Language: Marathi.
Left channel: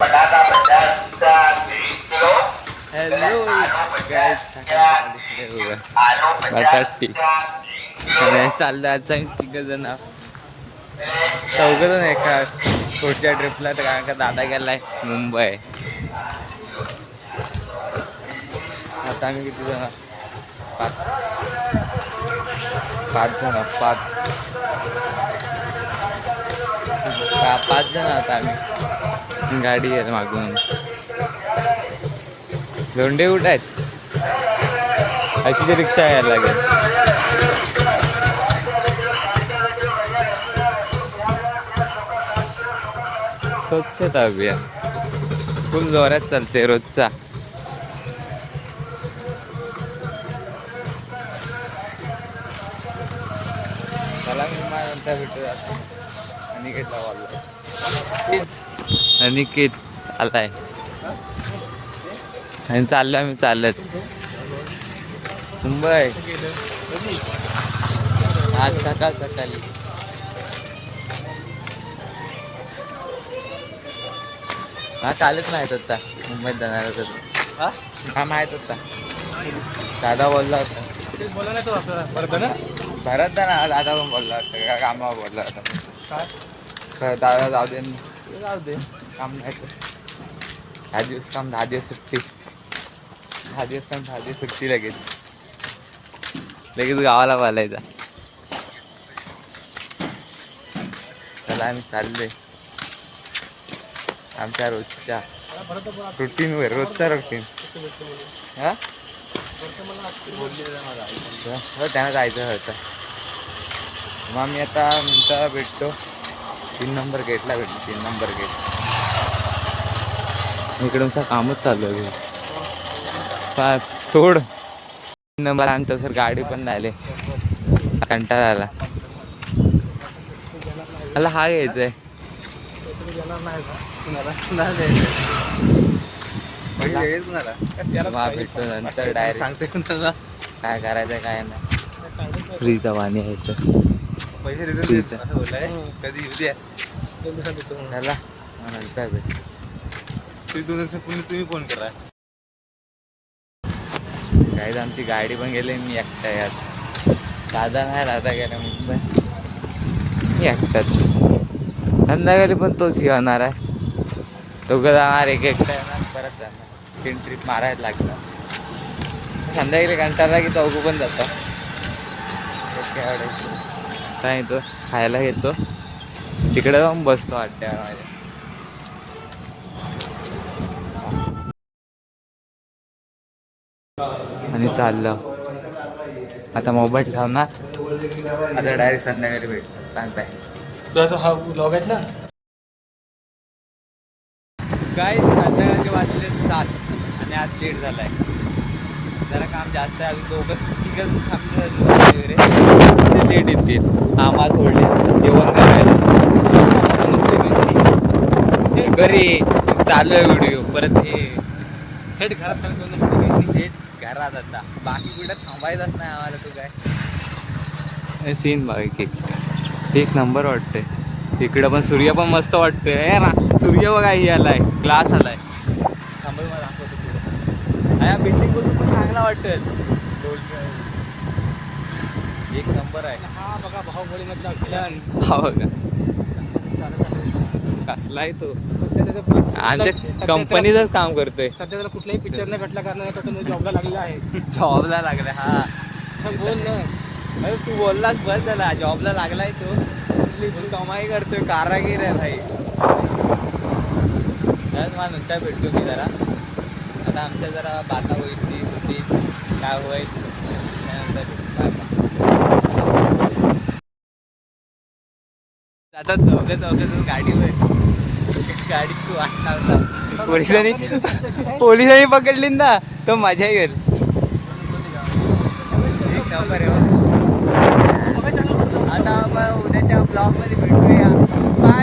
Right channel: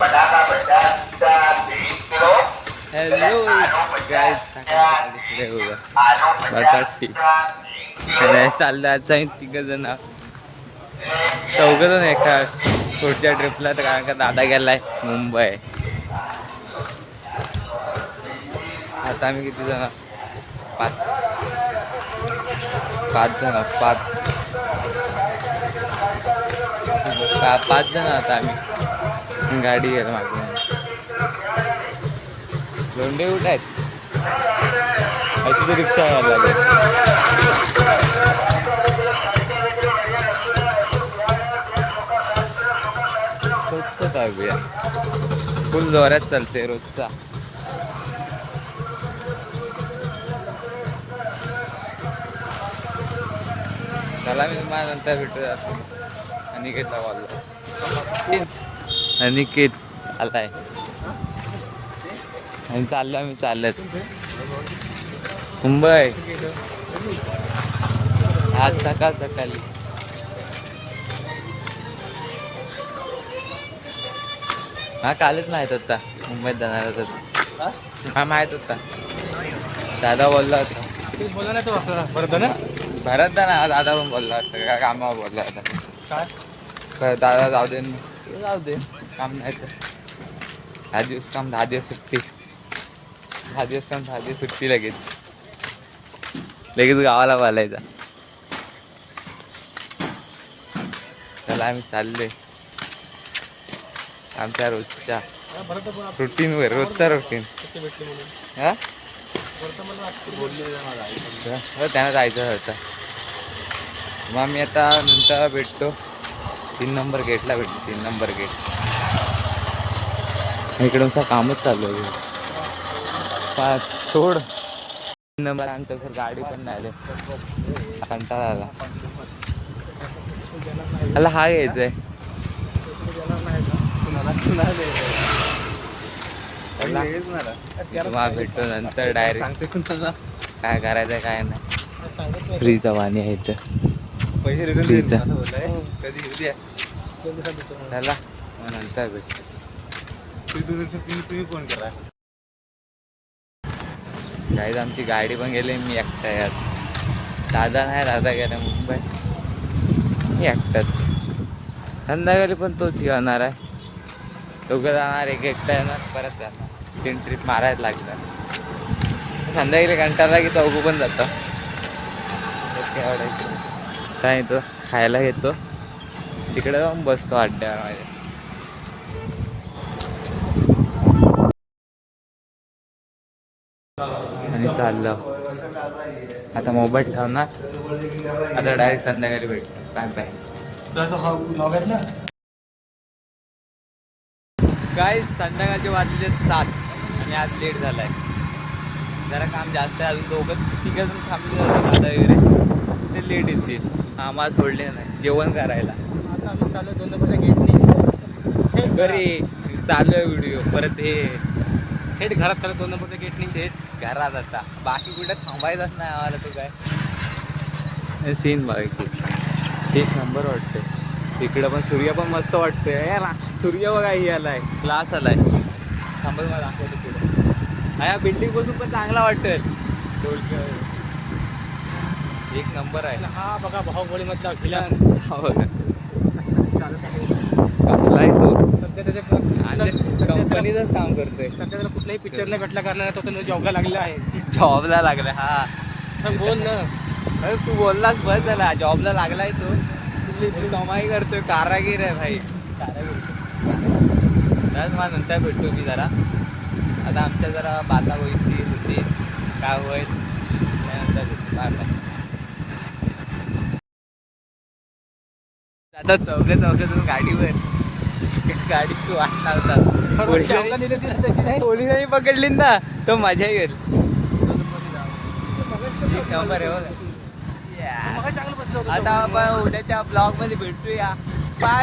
हॅलो गाईज, सकाळी बघा बटाटी चाललं. आता तिघ जण चौघजण एका पुढच्या ट्रिपला, तर कारण का दादा गेलाय मुंबई. आता आम्ही किती जण? पाच जण. पाच जण आता आम्ही. गाडी आहे मागून. लोंढे कुठे आहेत? अशी तर रिक्षा यायला लागेल. स्वच्छता अभियान फुल जोरात चालते रोजचा. चला, मी मला नंतर भेटू. अनिकेतला बोलला. अनिकेत आलाय आणि चाललं मी चालत मुंबई. आज सकाळी हा कालच माहित होता मुंबईत जाणार होता. हा माहित होता, दादा बोलला होता. भरत ना दादा पण बोलला होता का कामावर बोलला होता. दादा जाऊ दे काम नाही तर 10 दिवस काम 10 दिवस सुट्टी. 10 दिवस काम 10 दिवस सुट्टी. लगेच गावाला बोलायचा. चला आम्ही चाललोय आमच्या रोजच्या रुटीनवर. रोजचा रुटीन. हा त्यांना जायचं होतं. मग मी आता नंतर भेटतो 3 नंबर गेटला भेटतो. 3 नंबर गेट इकडूनचा कामच चालू आहे. थोड 3 नंबर आमचं सर गाडी पण नाही. कंटाळा आला. मला हा घ्यायचंय. भेटतो नंतर डायरेक्ट. काय करायचं काय नाही. फ्रीचा पाणी आहे इथं. चला मग नंतर भेटतो. तुम्ही फोन करा. काहीच आमची गाडी पण गेली. मी एकटा यात. दादा नाही, दादा गेला मुंबई. मी एकटाच. संध्याकाळी पण तोच घेणार आहे. दोघं जाणार, एक एकटा येणार, परत जाणार. 3 ट्रिप मारायला लागणार. संध्याकाळी कंटाळला की चौघं पण जातं. आवडायचं काय येतो खायला घेतो. तिकडे जाऊन बसतो अड्ड्यावर माझ्या. आणि चाललं आता. मोबाईल ठेवणार आता. डायरेक्ट संध्याकाळी भेटतो. बाय. हा ब्लॉग आहेत ना. काय संध्याकाळचे वाजले 7 आणि आज लेट झालाय. जरा काम जास्त आहे. अजून तिघं थांबले ते लेट येतील. आम्हाला सोडले जेवण करायला. घरी चालू आहे व्हिडिओ. परत हे थेट घरात करत थेट घरात. आता बाकी कुठे थांबायचंच नाही आम्हाला. तो काय सीन बाकी एक नंबर वाटते. इकडं पण सूर्य पण मस्त वाटतोय ना. सूर्य बघा ही आलाय, ग्लास आलाय. थांबत मला दाखवतो पुढे. हा बिल्डिंग बसून पण चांगला वाटतोय. एक नंबर आहे. हा बघा बाहुबली मधला विलन. हा बघा कसला आहे तो. आमच्या कंपनीचंच काम करतोय. सध्या कुठलाही पिक्चर नाही भेटल्या कारणाने तो जॉबला लागलेला आहे. जॉबला लागला. हा बोल ना. अरे तू बोललास बस झाला. जॉबला लागलाय तो. कमाई करतोय. कारागीर आहे भाई. त्याच मला नंतर भेटतो मी जरा. आता आमच्या जरा बाता होईल ती होती काय होईल त्यानंतर भेटतो. आता चौघं गाडीवर. गाडी तू वाटला होता. पोलिसांनी पकडली ना तो मजा येईल. आता आपण उद्याच्या ब्लॉग मध्ये भेटूया.